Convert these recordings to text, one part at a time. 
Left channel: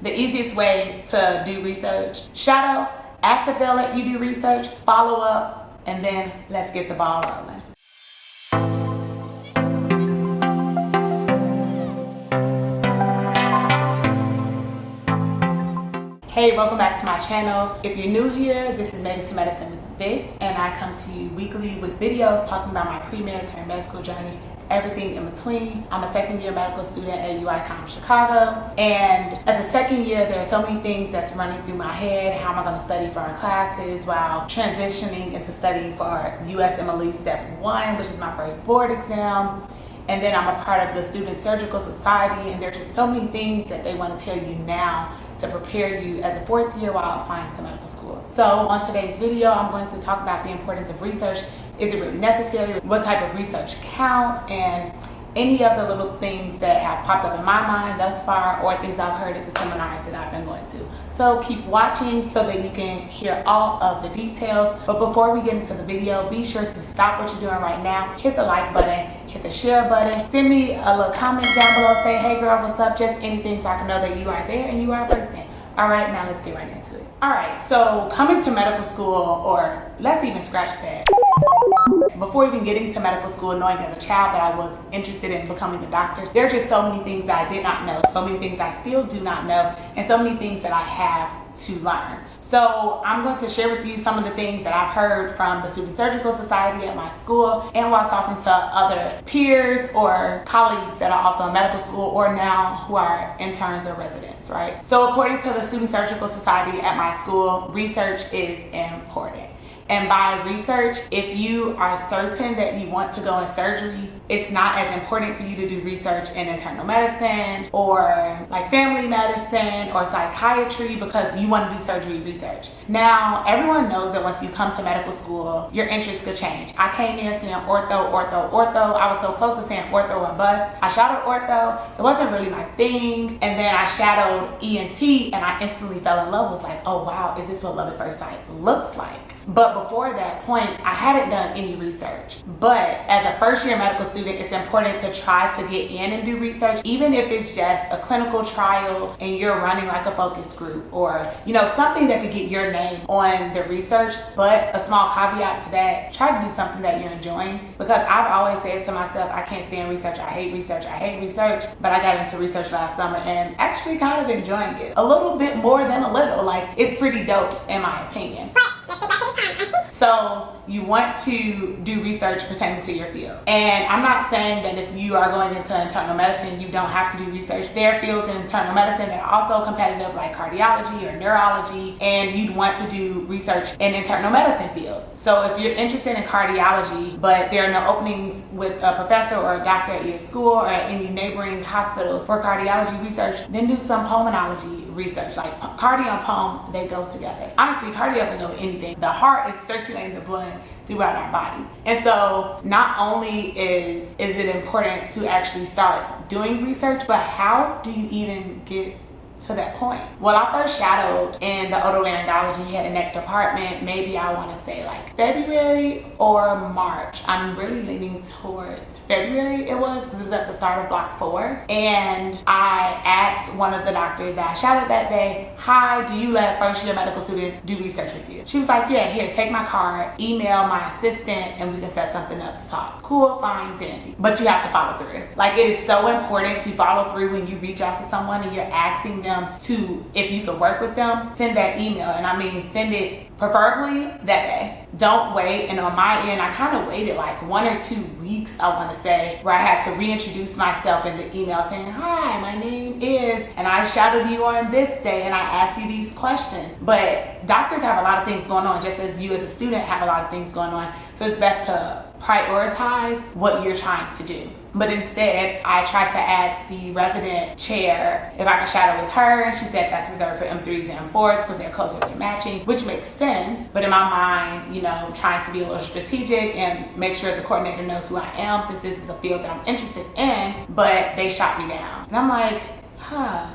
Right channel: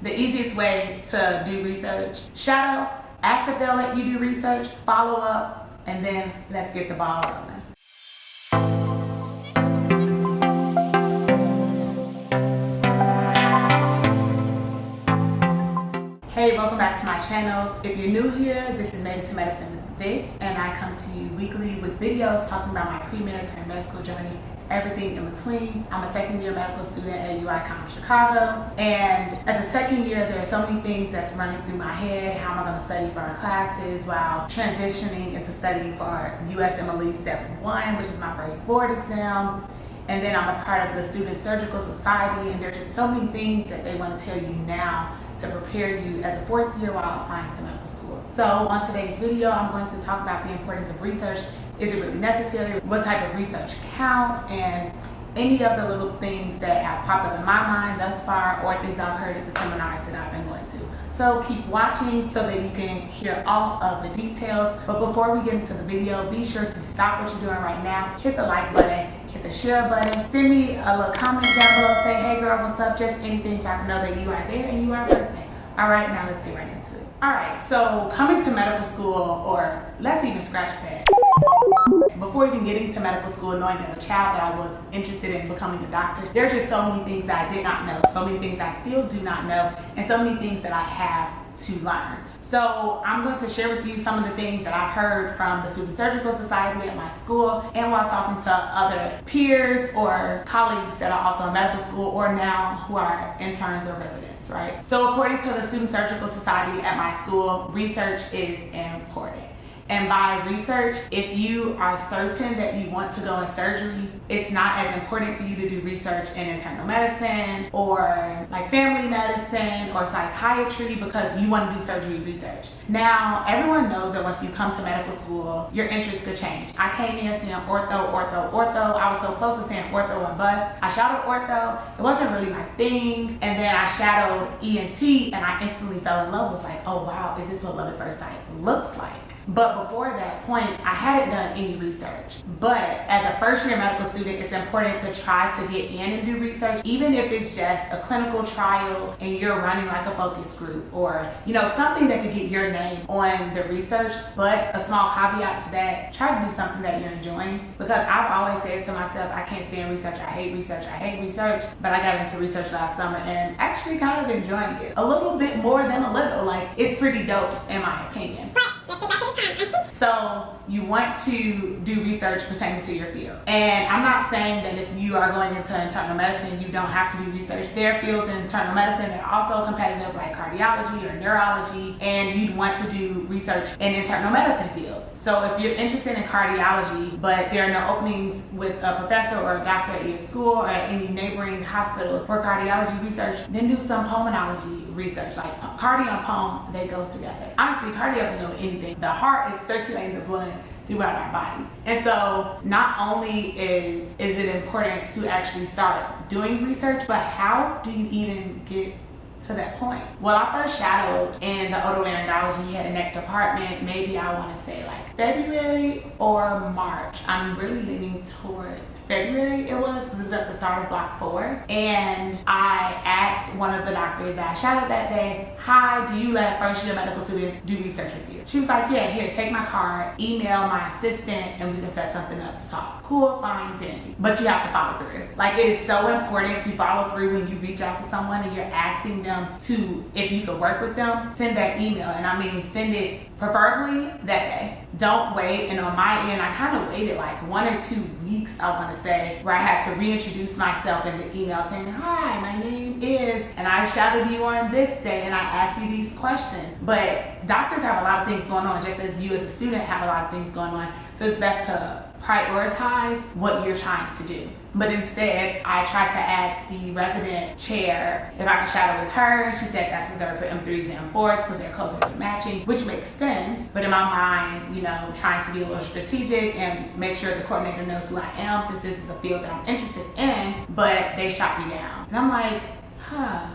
The easiest way to do research: shadow, ask if they'll let you do research, follow up, and then let's get the ball rolling. Hey, welcome back to my channel. If you're new here, this is Made Into Medicine with Vix, and I come to you weekly with videos talking about my pre-med to med school journey, everything in between. I'm a second year medical student at UICOM Chicago, and as a second year, there are so many things that's running through my head. How am I going to study for our classes while transitioning into studying for USMLE Step 1, which is my first board exam. And then I'm a part of the Student Surgical Society, and there are just so many things that they want to tell you now to prepare you as a fourth year while applying to medical school. So on today's video, I'm going to talk about the importance of research. Is it really necessary? What type of research counts? And any of the little things that have popped up in my mind thus far, or things I've heard at the seminars that I've been going to. So keep watching so that you can hear all of the details. But before we get into the video, be sure to stop what you're doing right now, hit the like button, hit the share button, send me a little comment down below, say, hey girl, what's up? Just anything so I can know that you are there and you are a person. All right, now let's get right into it. All right, so coming to medical school, or let's even scratch that. Before even getting to medical school, knowing as a child that I was interested in becoming a doctor, there are just so many things that I did not know, so many things I still do not know, and so many things that I have to learn. So I'm going to share with you some of the things that I've heard from the Student Surgical Society at my school, and while talking to other peers or colleagues that are also in medical school or now who are interns or residents, right? So according to the Student Surgical Society at my school, research is important. And by research, if you are certain that you want to go in surgery, it's not as important for you to do research in internal medicine or like family medicine or psychiatry because you want to do surgery research. Now, everyone knows that once you come to medical school, your interests could change. I came in saying ortho. I was so close to saying ortho or bust. I shadowed ortho. It wasn't really my thing. And then I shadowed ENT and I instantly fell in love. Was like, oh wow, is this what love at first sight looks like? But before that point, I hadn't done any research. But as a first year medical student, it's important to try to get in and do research, even if it's just a clinical trial and you're running like a focus group or, you know, something that could get your name on the research. But a small caveat to that, try to do something that you're enjoying, because I've always said to myself, I can't stand research, I hate research, but I got into research last summer and actually kind of enjoying it. A little bit more than a little, like it's pretty dope in my opinion. So you want to do research pertaining to your field. And I'm not saying that if you are going into internal medicine, you don't have to do research. There are fields in internal medicine that are also competitive, like cardiology or neurology, and you'd want to do research in internal medicine fields. So if you're interested in cardiology, but there are no openings with a professor or a doctor at your school or at any neighboring hospitals for cardiology research, then do some pulmonology research. Like cardio and pulm, they go together. Honestly, cardio can go with anything. The heart is circulating the blood throughout our bodies. And so not only is it important to actually start doing research, but how do you even get to that point? Well, I first shadowed in the otolaryngology head and neck department, maybe I want to say like February or March. I'm really leaning towards February it was, because it was at the start of block 4. And I asked one of the doctors that I shadowed that day, hi, do you let first year medical students do research with you? She was like, yeah, here, take my card, email my assistant, and we can set something up to talk. Cool, fine, dandy. But you have to follow through. Like, it is so important to follow through when you reach out to someone and you're asking them to, if you could work with them, send that email. And I mean, send it preferably that day. Don't wait. And on my end, I kind of waited like 1 or 2 weeks, I want to say, where I had to reintroduce myself in the email saying, hi, my name is, and I shadowed you on this day and I asked you these questions. But doctors have a lot of things going on, just as you as a student have a lot of things going on. So it's best to prioritize what you're trying to do. But instead, I tried to ask the resident chair if I could shadow with her, and she said that's reserved for M3s and M4s because they're closer to matching, which makes sense. But in my mind, you know, trying to be a little strategic and make sure the coordinator knows who I am, since this is a field that I'm interested in, but they shot me down. And I'm like, huh.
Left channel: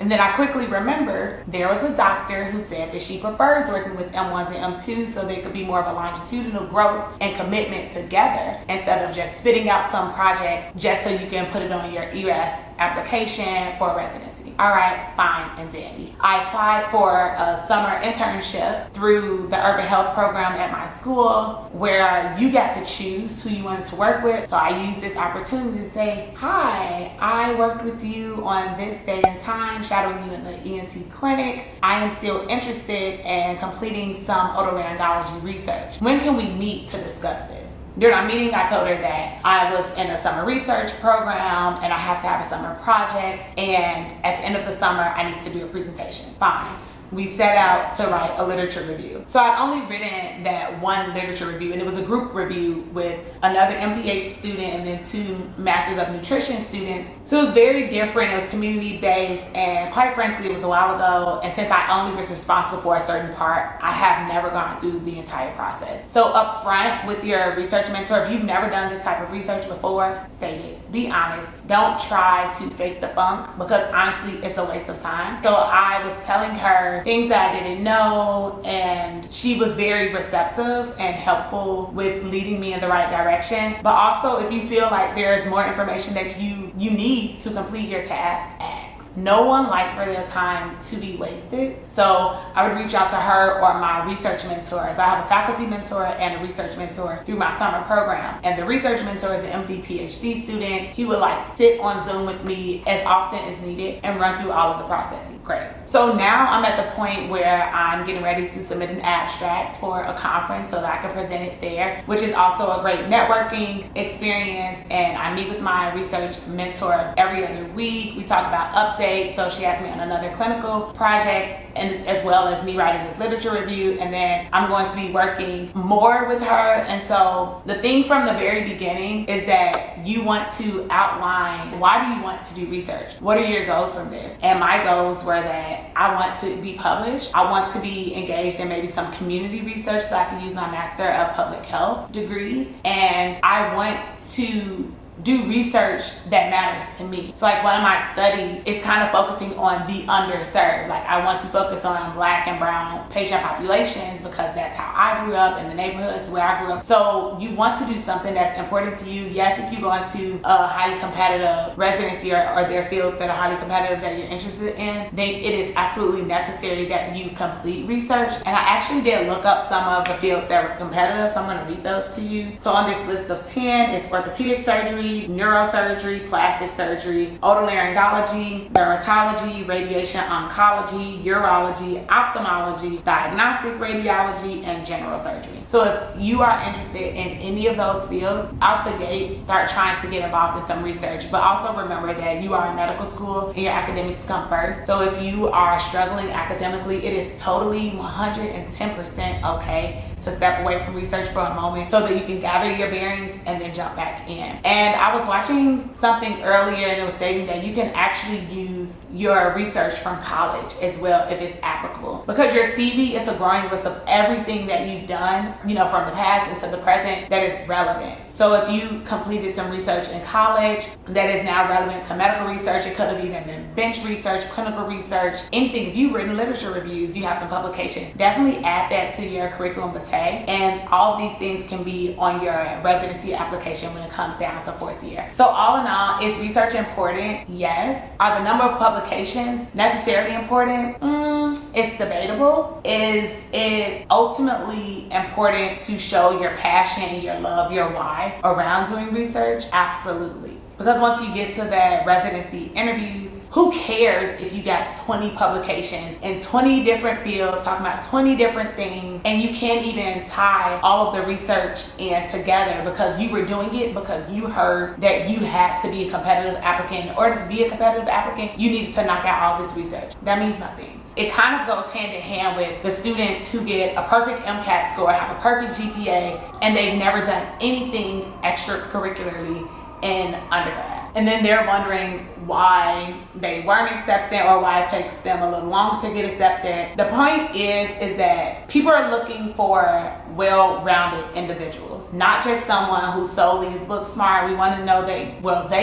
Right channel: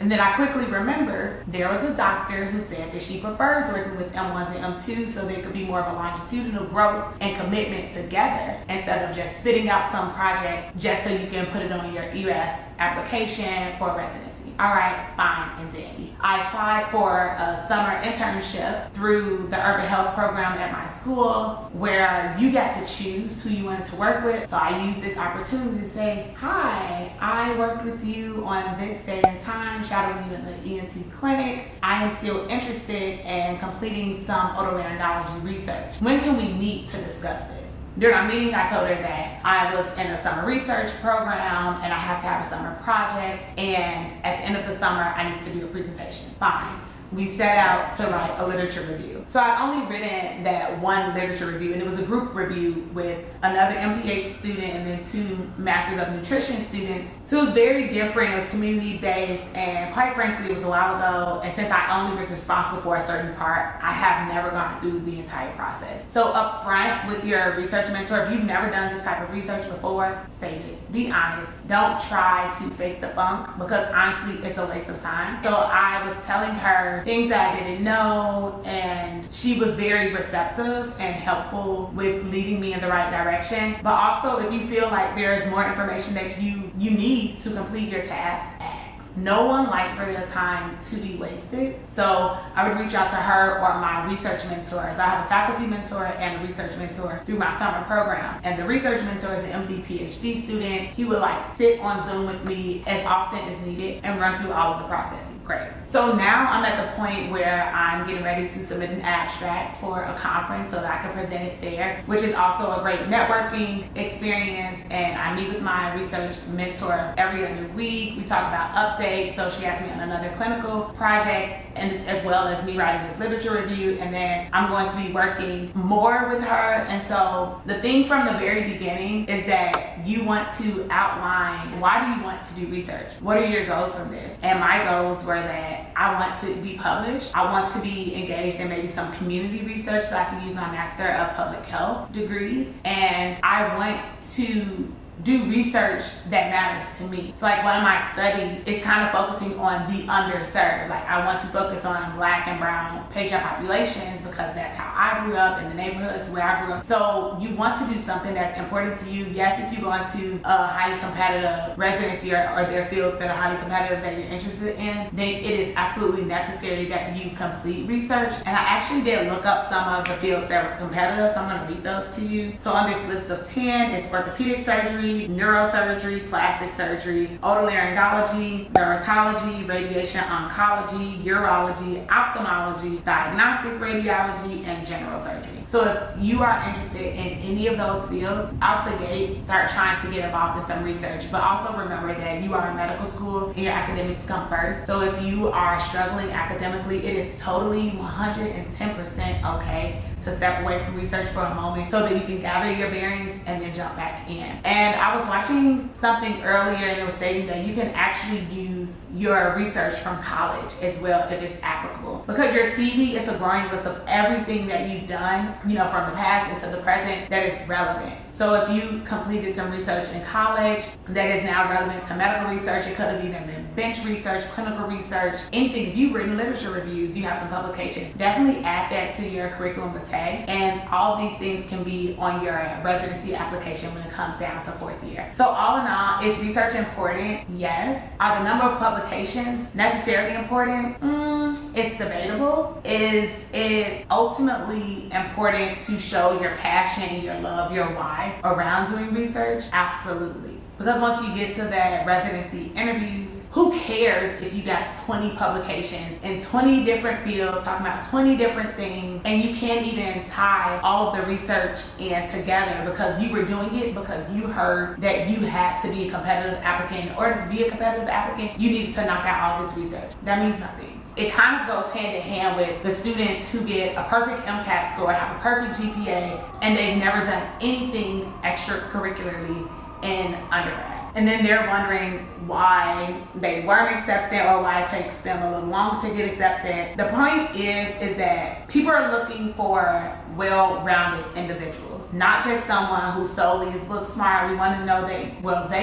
And then I quickly remembered there was a doctor who said that she prefers working with M1s and M2s so they could be more of a longitudinal growth and commitment together instead of just spitting out some projects just so you can put it on your ERAS application for residency. All right, fine and dandy. I applied for a summer internship through the urban health program at my school, where you got to choose who you wanted to work with. So I used this opportunity to say, hi, I worked with you on this day and time, shadowing you in the ENT clinic. I am still interested in completing some otolaryngology research. When can we meet to discuss this? During our meeting, I told her that I was in a summer research program and I have to have a summer project, and at the end of the summer, I need to do a presentation. Fine. We set out to write a literature review. So I'd only written that one literature review, and it was a group review with another MPH student and then 2 Masters of Nutrition students. So it was very different. It was community-based, and quite frankly, it was a while ago. And since I only was responsible for a certain part, I have never gone through the entire process. So up front with your research mentor, if you've never done this type of research before, state it. Be honest. Don't try to fake the funk, because honestly, it's a waste of time. So I was telling her things that I didn't know, and she was very receptive and helpful with leading me in the right direction. But also, if you feel like there's more information that you need to complete your task, ask. No one likes for their time to be wasted. So I would reach out to her or my research mentors. I have a faculty mentor and a research mentor through my summer program. And the research mentor is an MD PhD student. He would sit on Zoom with me as often as needed and run through all of the processes. Great. So now I'm at the point where I'm getting ready to submit an abstract for a conference so that I can present it there, which is also a great networking experience. And I meet with my research mentor every other week. We talk about updates. So she has me on another clinical project, and as well as me writing this literature review, and then I'm going to be working more with her. And so the thing from the very beginning is that you want to outline, why do you want to do research? What are your goals from this? And my goals were that I want to be published. I want to be engaged in maybe some community research so I can use my Master of Public Health degree. And I want to do research that matters to me. So one of my studies is kind of focusing on the underserved. I want to focus on Black and brown patient populations because that's how I grew up, in the neighborhoods where I grew up. So you want to do something that's important to you. Yes, if you go into a highly competitive residency or there are fields that are highly competitive that you're interested in, then it is absolutely necessary that you complete research. And I actually did look up some of the fields that were competitive, so I'm going to read those to you. So on this list of 10 is orthopedic surgery, neurosurgery, plastic surgery, otolaryngology, dermatology, radiation oncology, urology, ophthalmology, diagnostic radiology, and general surgery. So if you are interested in any of those fields, out the gate, start trying to get involved in some research. But also remember that you are in medical school and your academics come first. So if you are struggling academically, it is totally 110% okay to step away from research for a moment so that you can gather your bearings and then jump back in. And I was watching something earlier, and it was stating that you can actually use your research from college as well if it's applicable, because your CV is a growing list of everything that you've done, from the past into the present that is relevant. So if you completed some research in college that is now relevant to medical research, it could have even been bench research, clinical research, anything. If you've written literature reviews, you have some publications, definitely add that to your curriculum vitae. And all these things can be on your residency application when it comes down to 4th year. So all in all, is research important? Yes. Are the number of publications necessarily important? It's debatable. Is it ultimately important to show your passion, your love, your why around doing research? Absolutely. Because once you get to the residency interviews, who cares if you got 20 publications in 20 different fields talking about 20 different things, and you can't even tie all of the research in together because you were doing it because you heard that you had to be a competitive applicant. In order to be a competitive applicant, you needed to knock out all this research. That means nothing. It kind of goes hand in hand with the students who get a perfect MCAT score, have a perfect GPA, and they've never done anything extracurricularly in undergrad. And then they're wondering why they weren't accepted or why it takes them a little longer to get accepted. The point is that people are looking for well-rounded individuals, not just someone who solely is book smart. We want to know they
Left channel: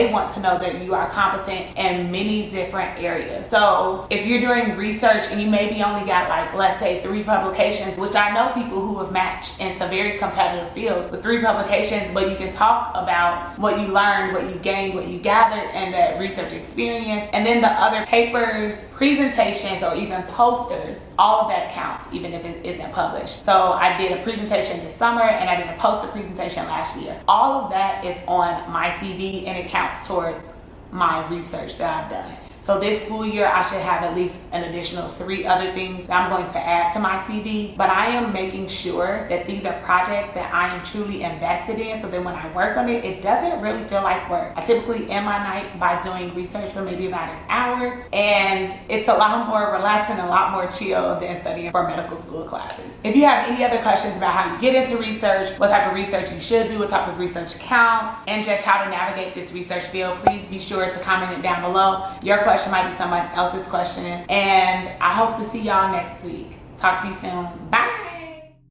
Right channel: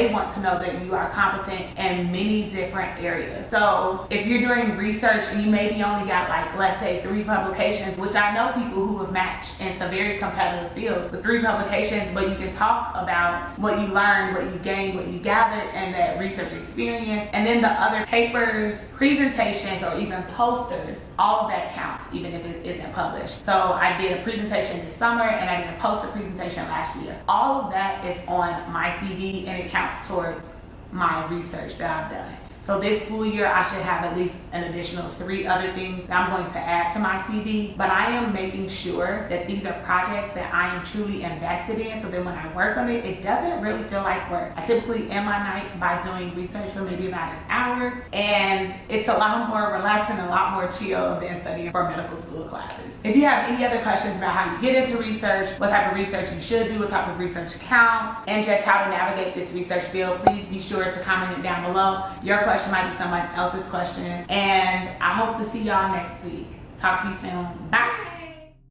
want to know that you are competent in many different areas. So if you're doing research and you maybe only got let's say 3 publications, which I know people who have matched into very competitive fields with 3 publications, but you can talk about what you learned, what you gained, what you you've gathered in that research experience. And then the other papers, presentations, or even posters, all of that counts, even if it isn't published. So I did a presentation this summer and I did a poster presentation last year. All of that is on my CV and it counts towards my research that I've done. So this school year, I should have at least an additional 3 other things that I'm going to add to my CV. But I am making sure that these are projects that I am truly invested in, so that when I work on it, it doesn't really feel like work. I typically end my night by doing research for maybe about an hour, and it's a lot more relaxing and a lot more chill than studying for medical school classes. If you have any other questions about how you get into research, what type of research you should do, what type of research counts, and just how to navigate this research field, please be sure to comment it down below. Your question might be someone else's question, and I hope to see y'all next week. Talk to you soon. Bye.